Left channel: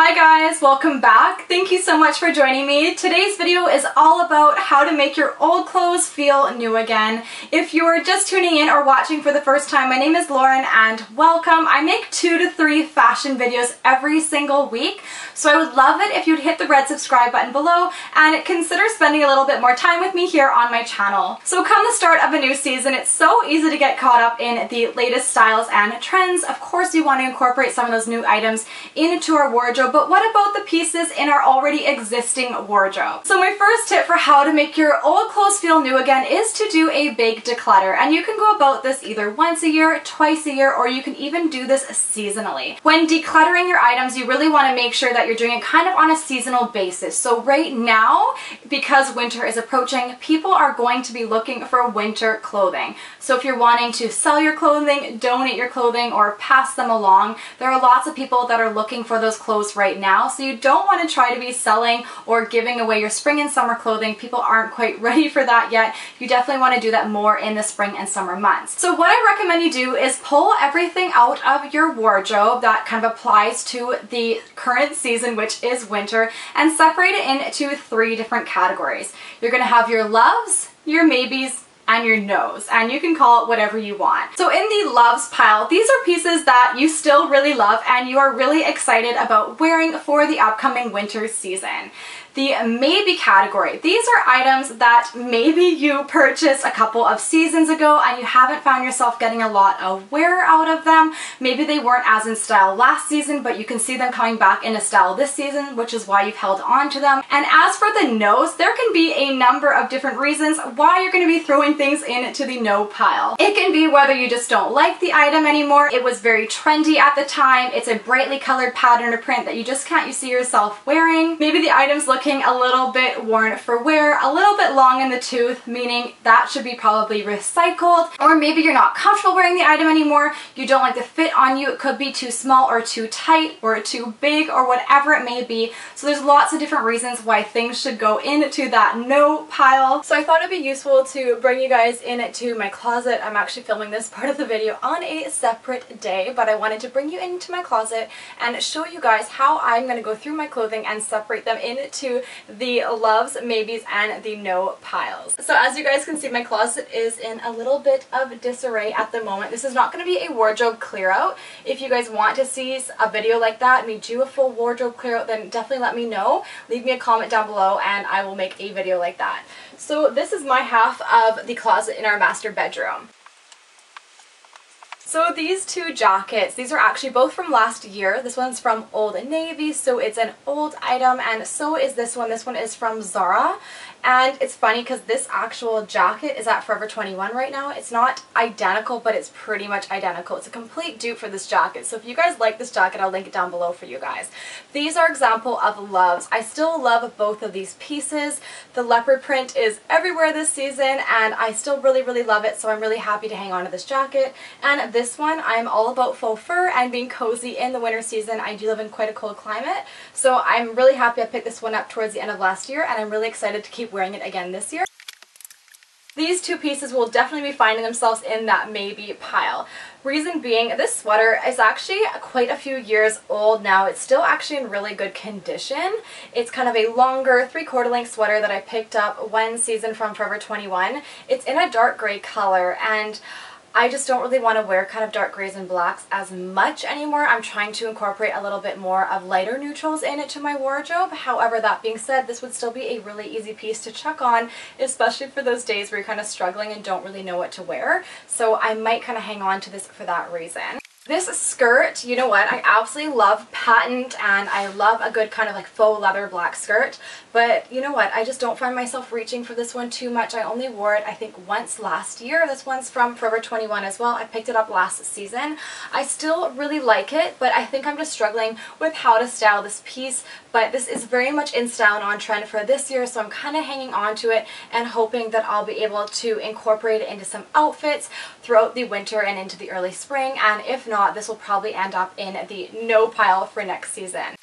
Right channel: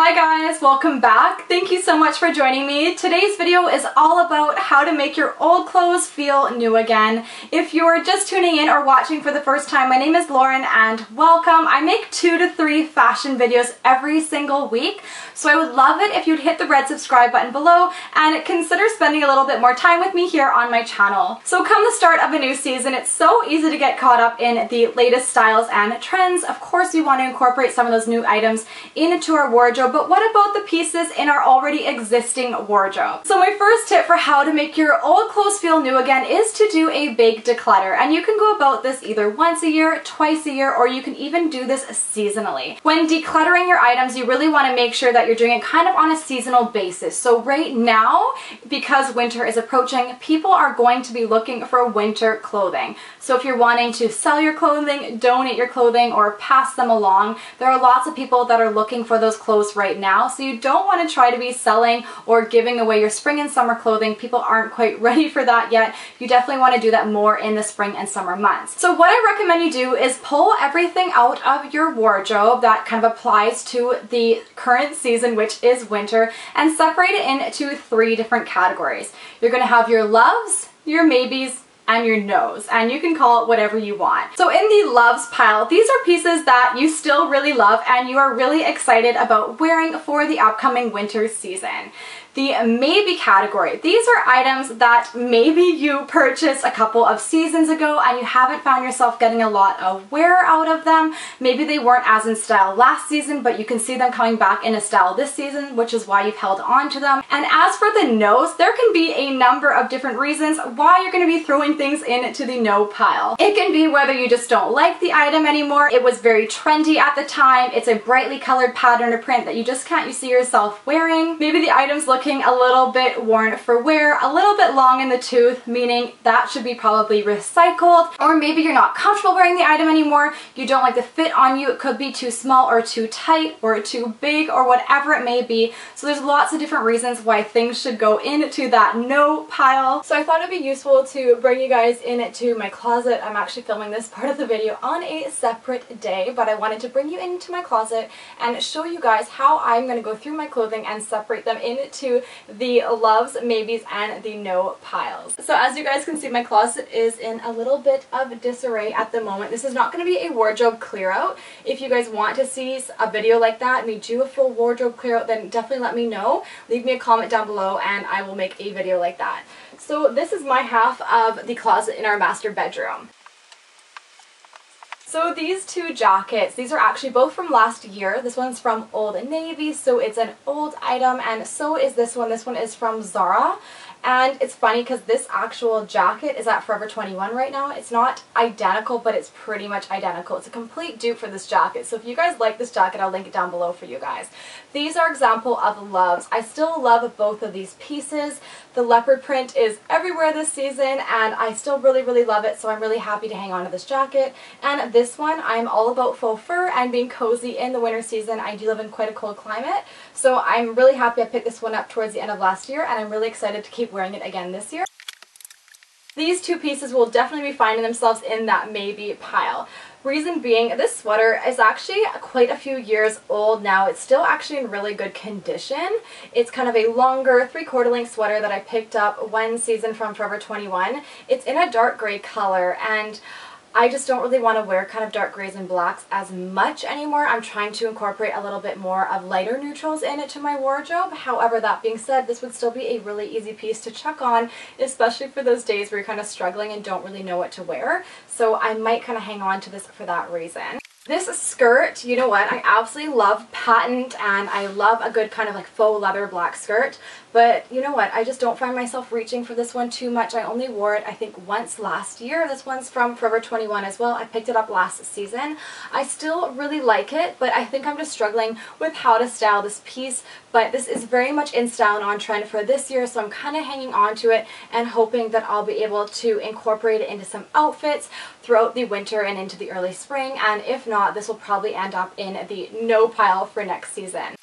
Hi guys, welcome back. Thank you so much for joining me. Today's video is all about how to make your old clothes feel new again. If you're just tuning in or watching for the first time, my name is Lauren and welcome. I make 2 to 3 fashion videos every single week, so I would love it if you'd hit the red subscribe button below and consider spending a little bit more time with me here on my channel. So come the start of a new season, it's so easy to get caught up in the latest styles and trends. Of course, we want to incorporate some of those new items into our wardrobe, but what about the pieces in our already existing wardrobe? So my first tip for how to make your old clothes feel new again is to do a big declutter, and you can go about this either once a year, twice a year, or you can even do this seasonally. When decluttering your items, you really want to make sure that you're doing it kind of on a seasonal basis. So right now, because winter is approaching, people are going to be looking for winter clothing. So if you're wanting to sell your clothing, donate your clothing, or pass them along, there are lots of people that are looking for those clothes right now. So you don't want to try to be selling or giving away your spring and summer clothing. People aren't quite ready for that yet. You definitely want to do that more in the spring and summer months. So what I recommend you do is pull everything out of your wardrobe that kind of applies to the current season, which is winter, and separate it into 3 different categories. You're going to have your loves, your maybes, and your nose, and you can call it whatever you want. So in the loves pile, these are pieces that you still really love and you are really excited about wearing for the upcoming winter season. The maybe category, these are items that maybe you purchased a couple of seasons ago and you haven't found yourself getting a lot of wear out of them. Maybe they weren't as in style last season, but you can see them coming back into style this season, which is why you've held on to them. And as for the nose, there can be a number of different reasons why you're going to be throwing things into the no pile. It can be whether you just don't like the item anymore, it was very trendy at the time, it's a brightly colored pattern or print that you just can't see yourself wearing. Maybe the item's looking a little bit worn for wear, a little bit long in the tooth, meaning that should be probably recycled. Or maybe you're not comfortable wearing the item anymore, you don't like the fit on you, it could be too small or too tight or too big or whatever it may be. So there's lots of different reasons why things should go into that no pile. So I thought it'd be useful to bring you guys into my closet. I'm actually filming this part of the video on a separate day, but I wanted to bring you into my closet and show you guys how I'm going to go through my clothing and separate them into the loves, maybes, and the no piles. So as you guys can see, my closet is in a little bit of disarray at the moment. This is not going to be a wardrobe clear out. If you guys want to see a video like that, me do a full wardrobe clear out, then definitely let me know. Leave me a comment down below and I will make a video like that. So this is my half of the closet in our master bedroom. So these 2 jackets, these are actually both from last year. This one's from Old Navy, so it's an old item, and so is this one. This one is from Zara. And it's funny because this actual jacket is at Forever 21 right now. It's not identical, but it's pretty much identical. It's a complete dupe for this jacket. So if you guys like this jacket, I'll link it down below for you guys. These are example of loves. I still love both of these pieces. The leopard print is everywhere this season and I still really love it, so I'm really happy to hang on to this jacket. And this one, I'm all about faux fur and being cozy in the winter season. I do live in quite a cold climate, so I'm really happy I picked this one up towards the end of last year and I'm really excited to keep wearing it again this year. These 2 pieces will definitely be finding themselves in that maybe pile. Reason being, this sweater is actually quite a few years old now. It's still actually in really good condition. It's kind of a longer 3/4 length sweater that I picked up one season from Forever 21. It's in a dark gray color and I just don't really want to wear kind of dark grays and blacks as much anymore. I'm trying to incorporate a little bit more of lighter neutrals into my wardrobe. However, that being said, this would still be a really easy piece to chuck on, especially for those days where you're kind of struggling and don't really know what to wear. So I might kind of hang on to this for that reason. This skirt, you know what, I absolutely love patent and I love a good kind of like faux leather black skirt, but you know what, I just don't find myself reaching for this one too much. I only wore it I think once last year. This one's from Forever 21 as well. I picked it up last season. I still really like it, but I think I'm just struggling with how to style this piece, but this is very much in style and on trend for this year, so I'm kind of hanging on to it and hoping that I'll be able to incorporate it into some outfits throughout the winter and into the early spring, and if not, this will probably end up in the no pile for next season.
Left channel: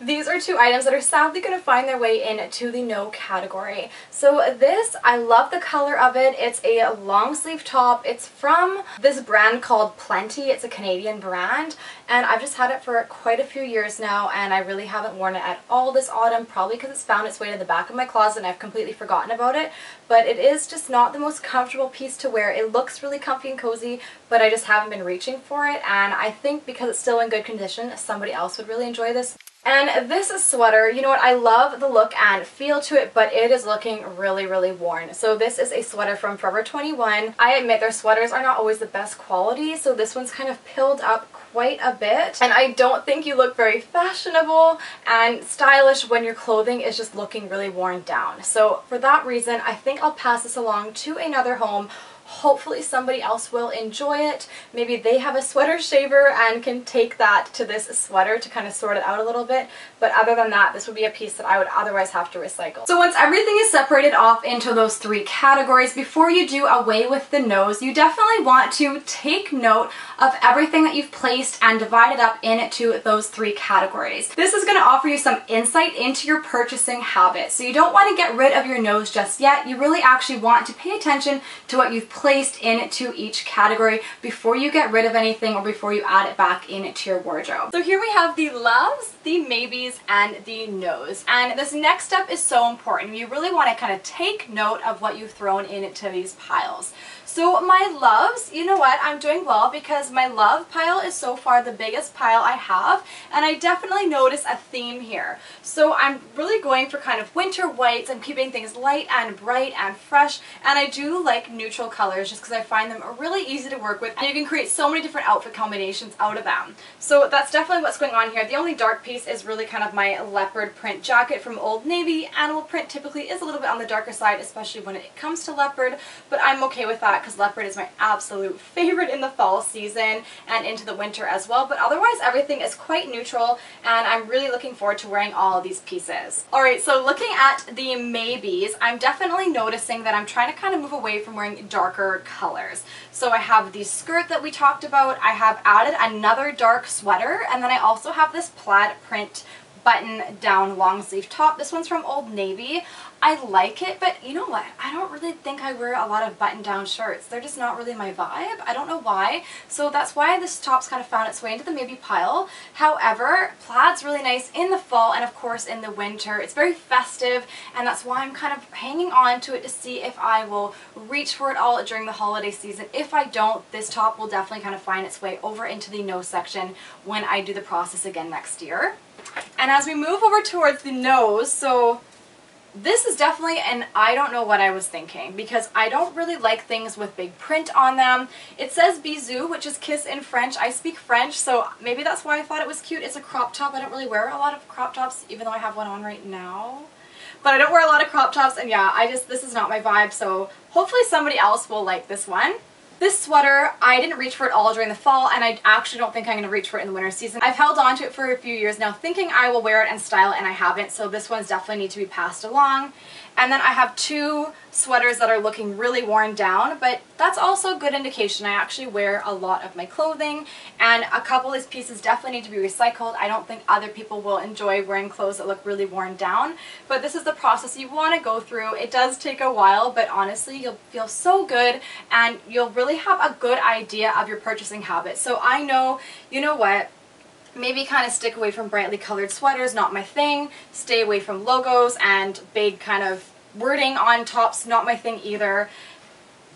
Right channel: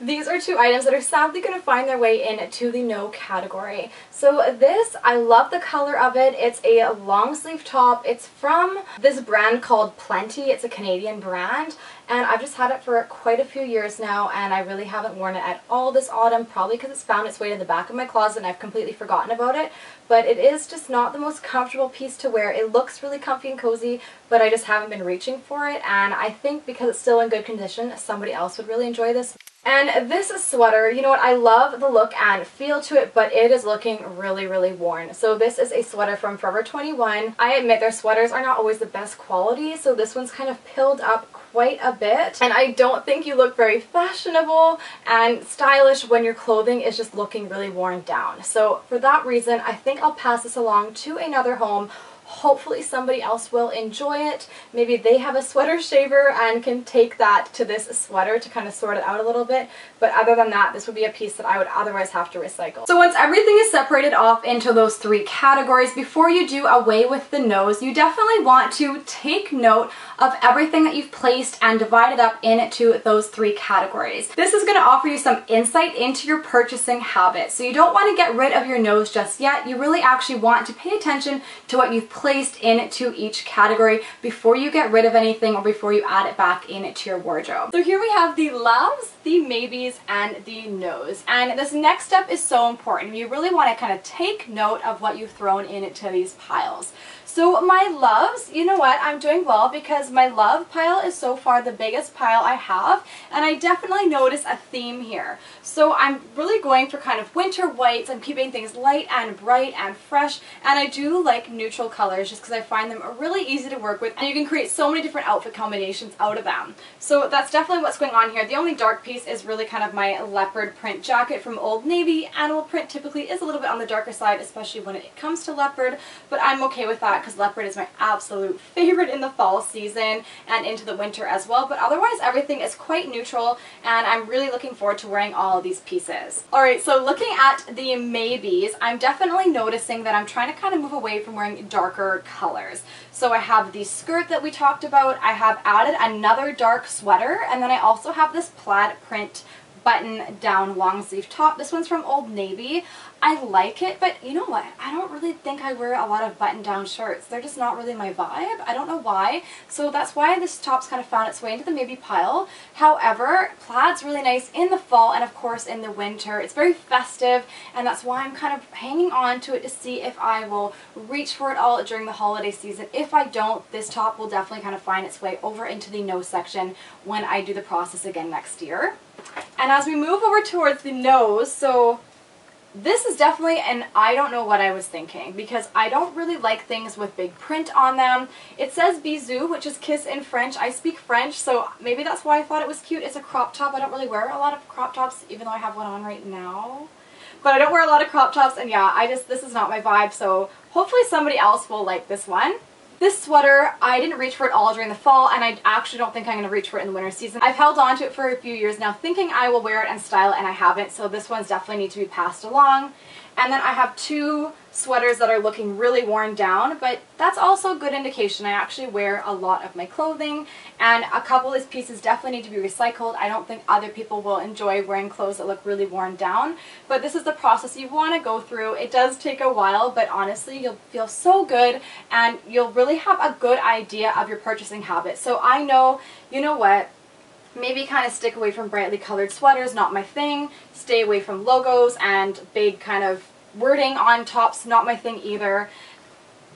These are two items that are sadly going to find their way into the no category. So this, I love the color of it. It's a long sleeve top. It's from this brand called Plenty. It's a Canadian brand, and I've just had it for quite a few years now, and I really haven't worn it at all this autumn, probably because it's found its way to the back of my closet and I've completely forgotten about it. But it is just not the most comfortable piece to wear. It looks really comfy and cozy, but I just haven't been reaching for it, and I think because it's still in good condition, somebody else would really enjoy this. And this sweater, you know what, I love the look and feel to it, but it is looking really, really worn. So this is a sweater from Forever 21. I admit their sweaters are not always the best quality, so this one's kind of pilled up quite a bit. And I don't think you look very fashionable and stylish when your clothing is just looking really worn down. So for that reason, I think I'll pass this along to another home. Hopefully somebody else will enjoy it. Maybe they have a sweater shaver and can take that to this sweater to kind of sort it out a little bit. But other than that, this would be a piece that I would otherwise have to recycle. So once everything is separated off into those three categories, before you do away with the nose, you definitely want to take note of everything that you've placed and divide it up into those three categories. This is going to offer you some insight into your purchasing habits. So you don't want to get rid of your nose just yet. You really actually want to pay attention to what you've placed into each category before you get rid of anything or before you add it back into your wardrobe. So here we have the loves, the maybes, and the nose. And this next step is so important. You really want to kind of take note of what you've thrown into these piles. So my loves, you know what, I'm doing well because my love pile is so far the biggest pile I have, and I definitely notice a theme here. So I'm really going for kind of winter whites. I'm keeping things light and bright and fresh, and I do like neutral colors just because I find them really easy to work with, and you can create so many different outfit combinations out of them. So that's definitely what's going on here. The only dark piece is really kind of my leopard print jacket from Old Navy. Animal print typically is a little bit on the darker side, especially when it comes to leopard, but I'm okay with that because leopard is my absolute favorite in the fall season and into the winter as well. But otherwise everything is quite neutral, and I'm really looking forward to wearing all of these pieces. Alright, so looking at the maybes, I'm definitely noticing that I'm trying to kind of move away from wearing darker colors. So I have the skirt that we talked about, I have added another dark sweater, and then I also have this plaid print button down long sleeve top. This one's from Old Navy. I like it, but you know what? I don't really think I wear a lot of button down shirts. They're just not really my vibe. I don't know why. So that's why this top's kind of found its way into the maybe pile. However, plaid's really nice in the fall and of course in the winter. It's very festive, and that's why I'm kind of hanging on to it to see if I will reach for it all during the holiday season. If I don't, this top will definitely kind of find its way over into the nose section when I do the process again next year. And as we move over towards the nose, so this is definitely an I don't know what I was thinking, because I don't really like things with big print on them. It says bisou, which is kiss in French. I speak French, so maybe that's why I thought it was cute. It's a crop top. I don't really wear a lot of crop tops, even though I have one on right now. But I don't wear a lot of crop tops, and yeah, this is not my vibe, so hopefully somebody else will like this one. This sweater, I didn't reach for it all during the fall, and I actually don't think I'm going to reach for it in the winter season. I've held on to it for a few years now thinking I will wear it and style it, and I haven't, so this one's definitely need to be passed along. And then I have two sweaters that are looking really worn down, but that's also a good indication. I actually wear a lot of my clothing, and a couple of these pieces definitely need to be recycled. I don't think other people will enjoy wearing clothes that look really worn down, but this is the process you want to go through. It does take a while, but honestly, you'll feel so good, and you'll really have a good idea of your purchasing habits. So I know, you know what, maybe kind of stick away from brightly colored sweaters, not my thing. Stay away from logos and big kind of wording on tops, not my thing either.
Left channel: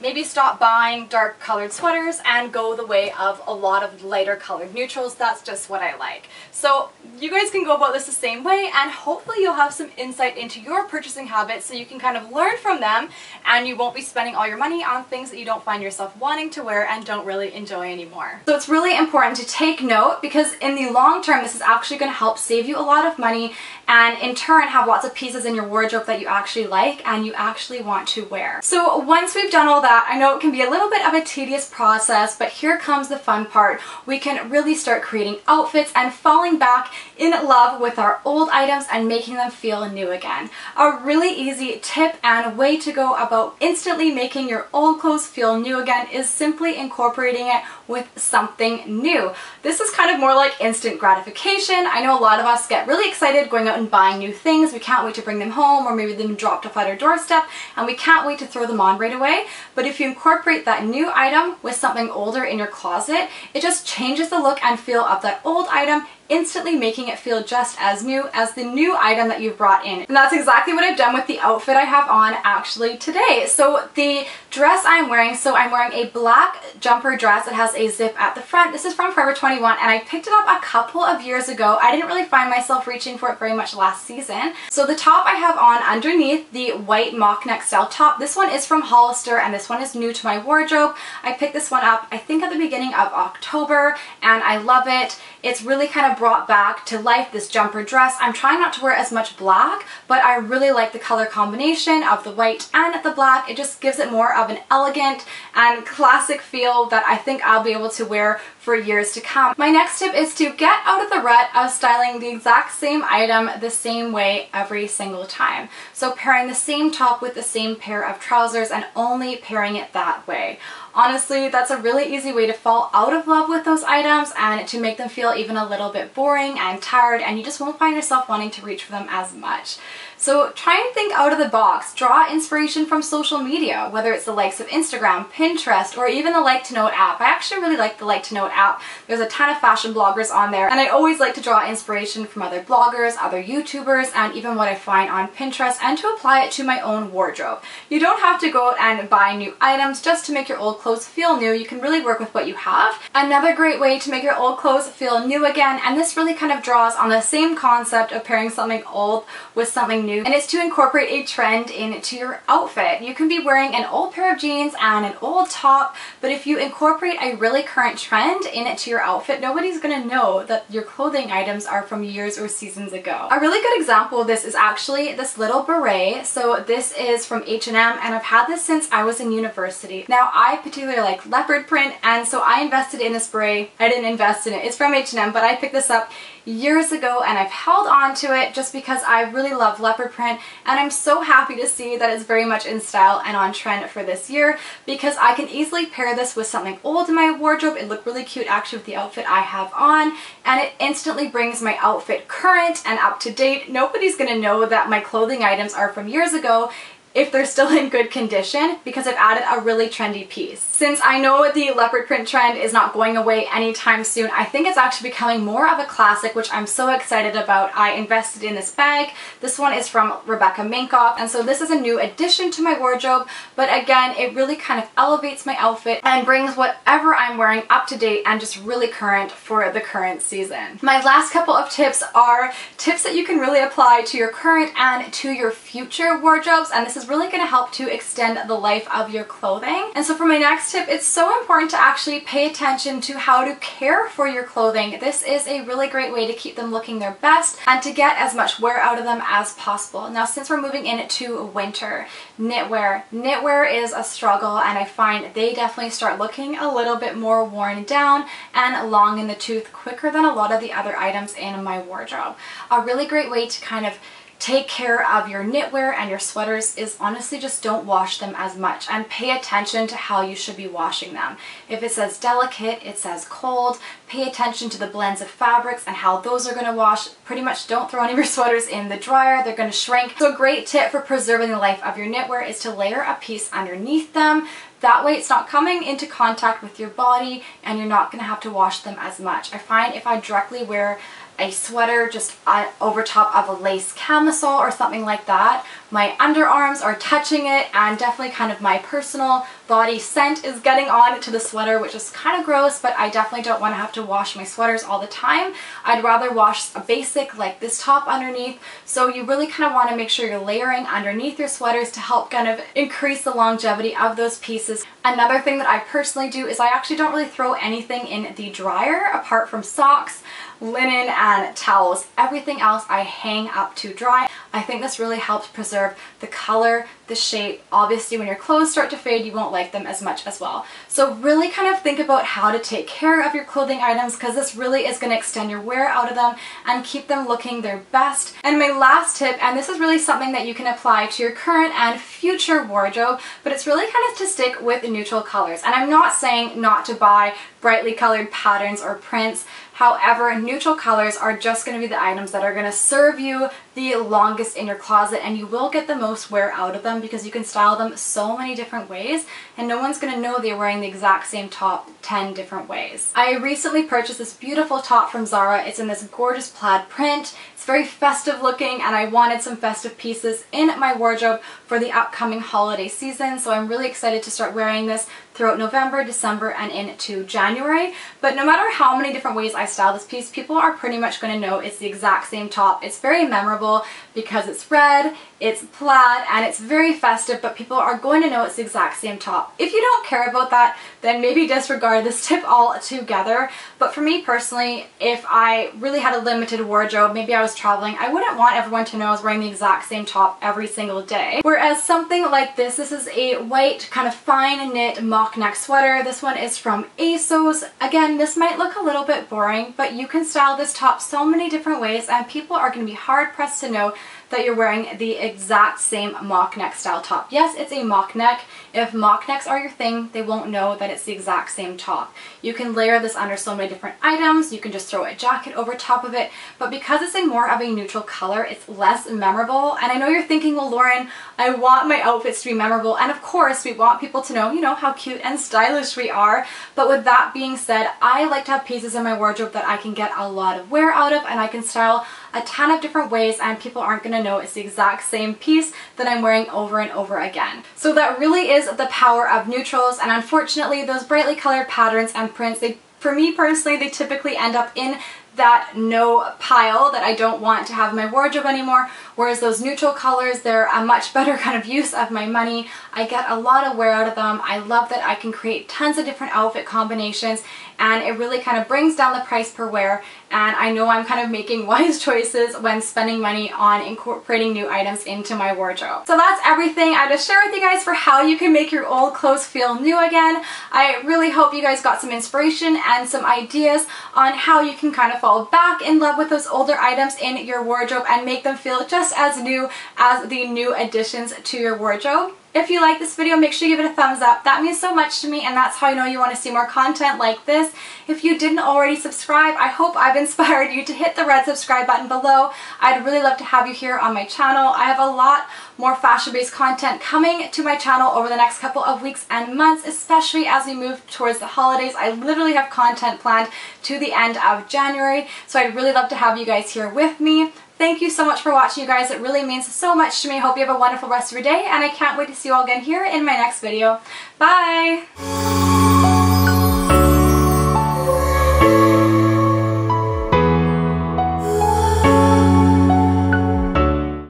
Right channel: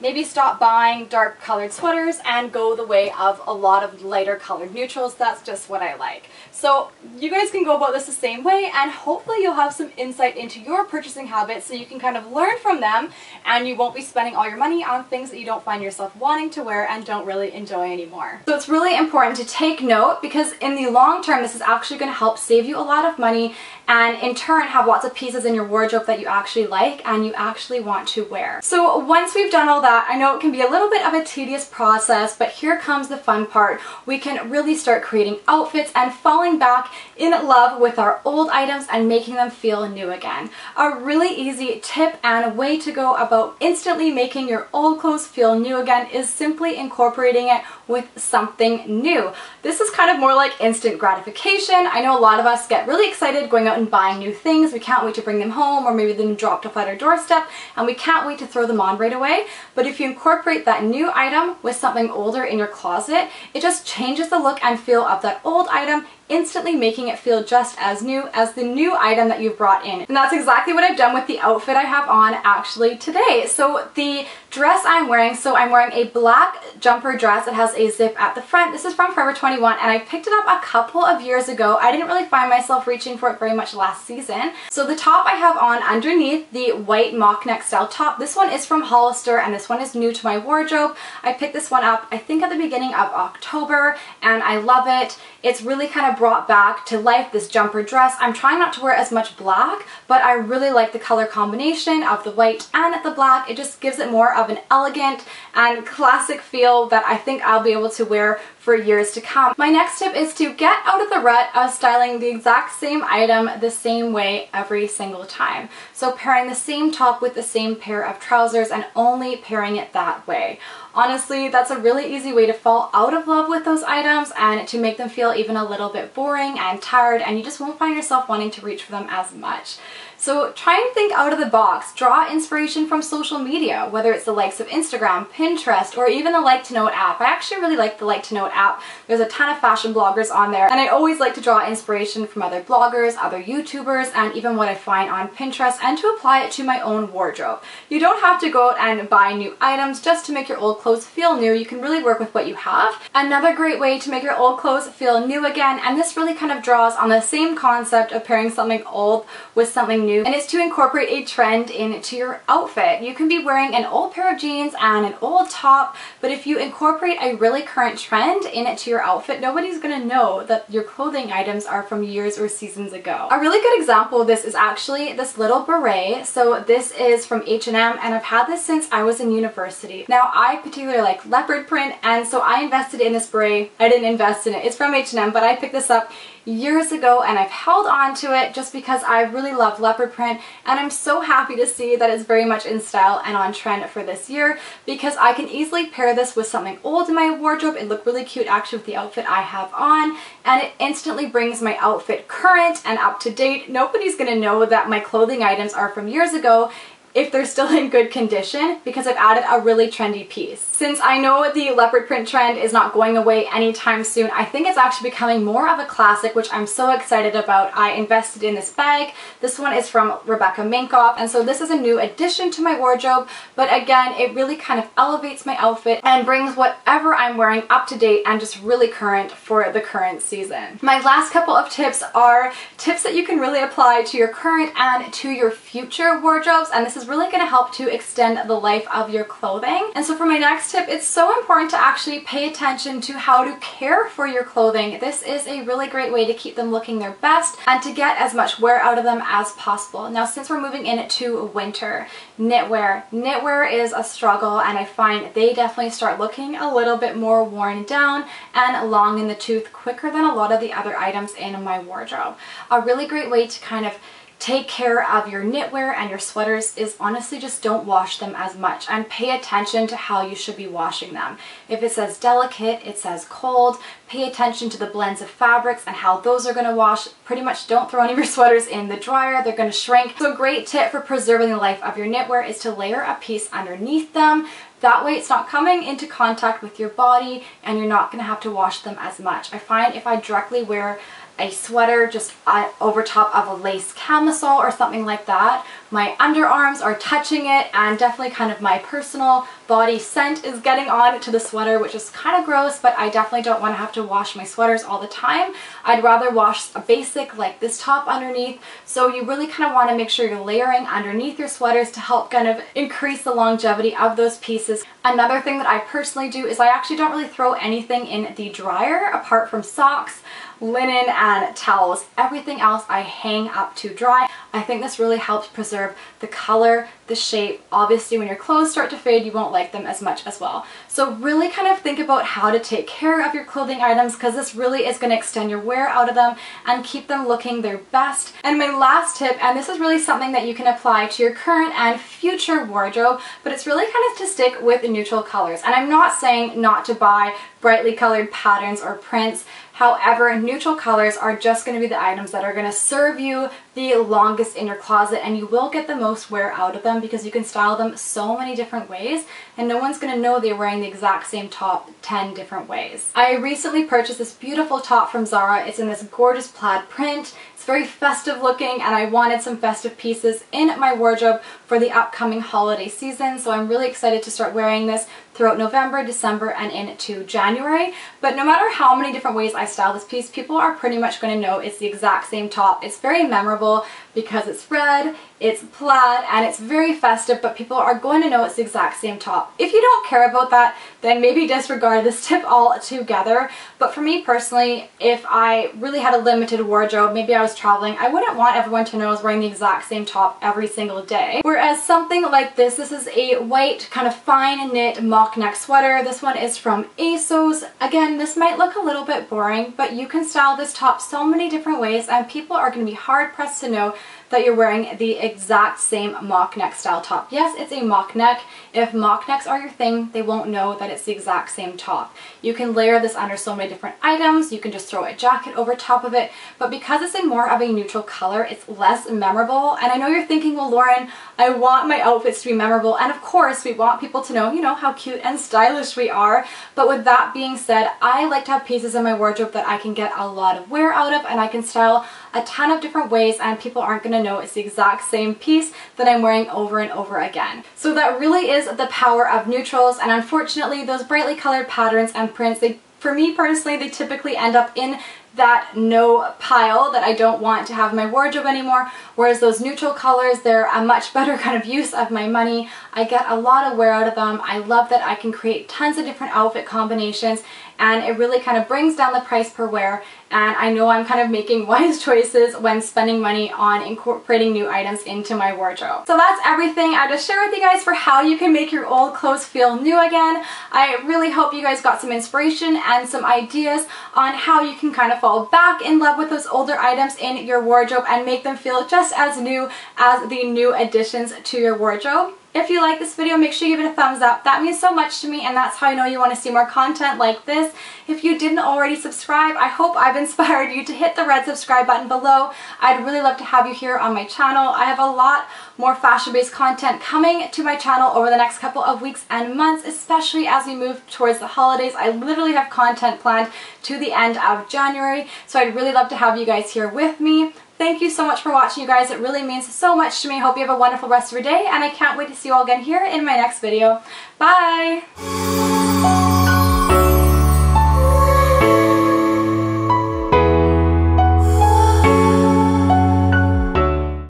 Maybe stop buying dark colored sweaters and go the way of a lot of lighter colored neutrals. That's just what I like. So you guys can go about this the same way, and hopefully you'll have some insight into your purchasing habits so you can kind of learn from them, and you won't be spending all your money on things that you don't find yourself wanting to wear and don't really enjoy anymore. So it's really important to take note, because in the long term this is actually going to help save you a lot of money and in turn have lots of pieces in your wardrobe that you actually like and you actually want to wear. So once we've done all that, I know it can be a little bit of a tedious process, but here comes the fun part. We can really start creating outfits and falling back in love with our old items and making them feel new again. A really easy tip and way to go about instantly making your old clothes feel new again is simply incorporating it with something new. This is kind of more like instant gratification. I know a lot of us get really excited going out and buying new things. We can't wait to bring them home, or maybe them dropped off at our doorstep and we can't wait to throw them on right away. But if you incorporate that new item with something older in your closet, it just changes the look and feel of that old item, instantly making it feel just as new as the new item that you've brought in. And that's exactly what I've done with the outfit I have on actually today. So the dress I'm wearing, I'm wearing a black jumper dress. It has a zip at the front. This is from Forever 21 and I picked it up a couple of years ago. I didn't really find myself reaching for it very much last season. So the top I have on underneath, the white mock neck style top. This one is from Hollister and this one is new to my wardrobe. I picked this one up I think at the beginning of October and I love it. It's really kind of brought back to life this jumper dress. I'm trying not to wear as much black, but I really like the color combination of the white and the black. It just gives it more of an elegant and classic feel that I think I'll be able to wear for years to come. My next tip is to get out of the rut of styling the exact same item the same way every single time. So pairing the same top with the same pair of trousers and only pairing it that way. Honestly, that's a really easy way to fall out of love with those items and to make them feel even a little bit boring and tired, and you just won't find yourself wanting to reach for them as much. So try and think out of the box. Draw inspiration from social media, whether it's the likes of Instagram, Pinterest, or even the Like to Note app. I actually really like the Like to Note app. There's a ton of fashion bloggers on there, and I always like to draw inspiration from other bloggers, other YouTubers, and even what I find on Pinterest, and to apply it to my own wardrobe. You don't have to go out and buy new items just to make your old clothes feel new. You can really work with what you have. Another great way to make your old clothes feel new again, and this really kind of draws on the same concept of pairing something old with something new, and it's to incorporate a trend into your outfit. You can be wearing an old pair of jeans and an old top, but if you incorporate a really current trend into your outfit, nobody's gonna know that your clothing items are from years or seasons ago. A really good example of this is actually this little beret. So this is from H&M and I've had this since I was in university. Now I particularly like leopard print, and so I invested in this beret. I didn't invest in it, it's from H&M, but I picked this up years ago and I've held on to it just because I really love leopard print, and I'm so happy to see that it's very much in style and on trend for this year, because I can easily pair this with something old in my wardrobe. It looked really cute actually with the outfit I have on, and it instantly brings my outfit current and up to date. Nobody's gonna know that my clothing items are from years ago if they're still in good condition, because I've added a really trendy piece. Since I know the leopard print trend is not going away anytime soon, I think it's actually becoming more of a classic, which I'm so excited about. I invested in this bag. This one is from Rebecca Minkoff, and so this is a new addition to my wardrobe, but again, it really kind of elevates my outfit and brings whatever I'm wearing up to date and just really current for the current season. My last couple of tips are tips that you can really apply to your current and to your future wardrobes, and this is really going to help to extend the life of your clothing. And so for my next tip, it's so important to actually pay attention to how to care for your clothing. This is a really great way to keep them looking their best and to get as much wear out of them as possible. Now, since we're moving into winter, knitwear. Knitwear is a struggle, and I find they definitely start looking a little bit more worn down and long in the tooth quicker than a lot of the other items in my wardrobe. A really great way to kind of take care of your knitwear and your sweaters is honestly just don't wash them as much, and pay attention to how you should be washing them. If it says delicate, it says cold, pay attention to the blends of fabrics and how those are going to wash. Pretty much don't throw any of your sweaters in the dryer, they're going to shrink. So a great tip for preserving the life of your knitwear is to layer a piece underneath them. That way it's not coming into contact with your body and you're not going to have to wash them as much. I find if I directly wear a sweater just over top of a lace camisole or something like that, my underarms are touching it, and definitely kind of my personal body scent is getting on to the sweater, which is kind of gross, but I definitely don't want to have to wash my sweaters all the time. I'd rather wash a basic like this top underneath. So you really kind of want to make sure you're layering underneath your sweaters to help kind of increase the longevity of those pieces. Another thing that I personally do is I actually don't really throw anything in the dryer apart from socks, linen, and towels. Everything else I hang up to dry. I think this really helps preserve the color, the shape. Obviously when your clothes start to fade, you won't like them as much as well. So really kind of think about how to take care of your clothing items, because this really is going to extend your wear out of them and keep them looking their best. And my last tip, and this is really something that you can apply to your current and future wardrobe, but it's really kind of to stick with neutral colors. And I'm not saying not to buy brightly colored patterns or prints. However, neutral colors are just going to be the items that are going to serve you the longest in your closet, and you will get the most wear out of them because you can style them so many different ways and no one's going to know they're wearing the exact same top 10 different ways. I recently purchased this beautiful top from Zara. It's in this gorgeous plaid print. It's very festive looking, and I wanted some festive pieces in my wardrobe for the upcoming holiday season, so I'm really excited to start wearing this throughout November, December, and into January. But no matter how many different ways I style this piece, people are pretty much going to know it's the exact same top. It's very memorable because it's red, it's plaid, and it's very festive, but people are going to know it's the exact same top. If you don't care about that, then maybe disregard this tip altogether. But for me personally, if I really had a limited wardrobe, maybe I was traveling, I wouldn't want everyone to know I was wearing the exact same top every single day. Whereas something like this is a white kind of fine knit mock neck sweater. This one is from ASOS. Again, this might look a little bit boring, but you can style this top so many different ways and people are going to be hard pressed to know that you're wearing the exact same mock neck style top. Yes, it's a mock neck. If mock necks are your thing, they won't know that it's the exact same top. You can layer this under so many different items. You can just throw a jacket over top of it, but because it's a more of a neutral color, it's less memorable. And I know you're thinking, well, Lauren, I want my outfits to be memorable, and of course we want people to know, you know, how cute and stylish we are. But with that being said, I like to have pieces in my wardrobe that I can get a lot of wear out of and I can style a ton of different ways, and people aren't going to know it's the exact same piece that I'm wearing over and over again. So that really is the power of neutrals, and unfortunately those brightly colored patterns and prints, for me personally, they typically end up in that no pile that I don't want to have in my wardrobe anymore, whereas those neutral colors, they're a much better kind of use of my money. I get a lot of wear out of them. I love that I can create tons of different outfit combinations, and it really kind of brings down the price per wear, and I know I'm kind of making wise choices when spending money on incorporating new items into my wardrobe. So that's everything I just shared with you guys for how you can make your old clothes feel new again. I really hope you guys got some inspiration and some ideas on how you can kind of fall back in love with those older items in your wardrobe and make them feel just as new as the new additions to your wardrobe. If you like this video, make sure you give it a thumbs up. That means so much to me, and that's how I know you want to see more content like this. If you didn't already subscribe, I hope I've inspired you to hit the red subscribe button below. I'd really love to have you here on my channel. I have a lot more fashion-based content coming to my channel over the next couple of weeks and months, especially as we move towards the holidays. I literally have content planned to the end of January, so I'd really love to have you guys here with me. Thank you so much for watching, you guys. It really means so much to me. I hope you have a wonderful rest of your day, and I can't wait to see you all again here in my next video. Bye!